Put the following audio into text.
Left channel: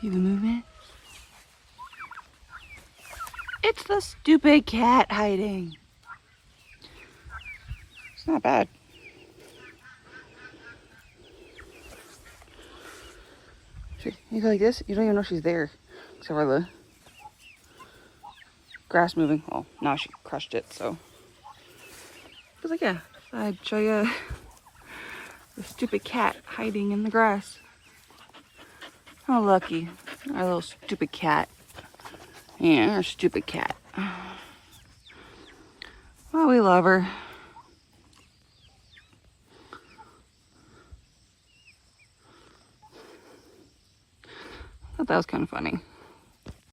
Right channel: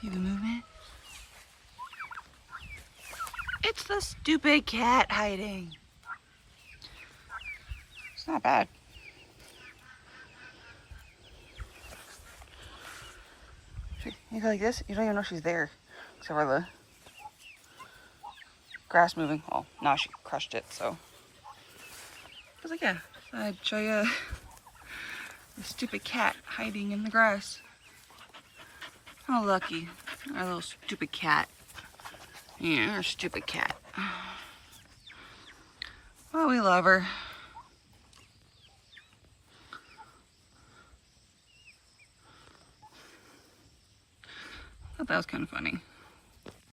See the movement? It's the stupid cat hiding. It's not bad. You go like this, you don't even know she's there. Except for the grass moving. Well, now she crushed it, so. But like, yeah, I'd show you the stupid cat hiding in the grass. How lucky. Our little stupid cat. Yeah, our stupid cat. Oh, we love her. I thought that was kind of funny.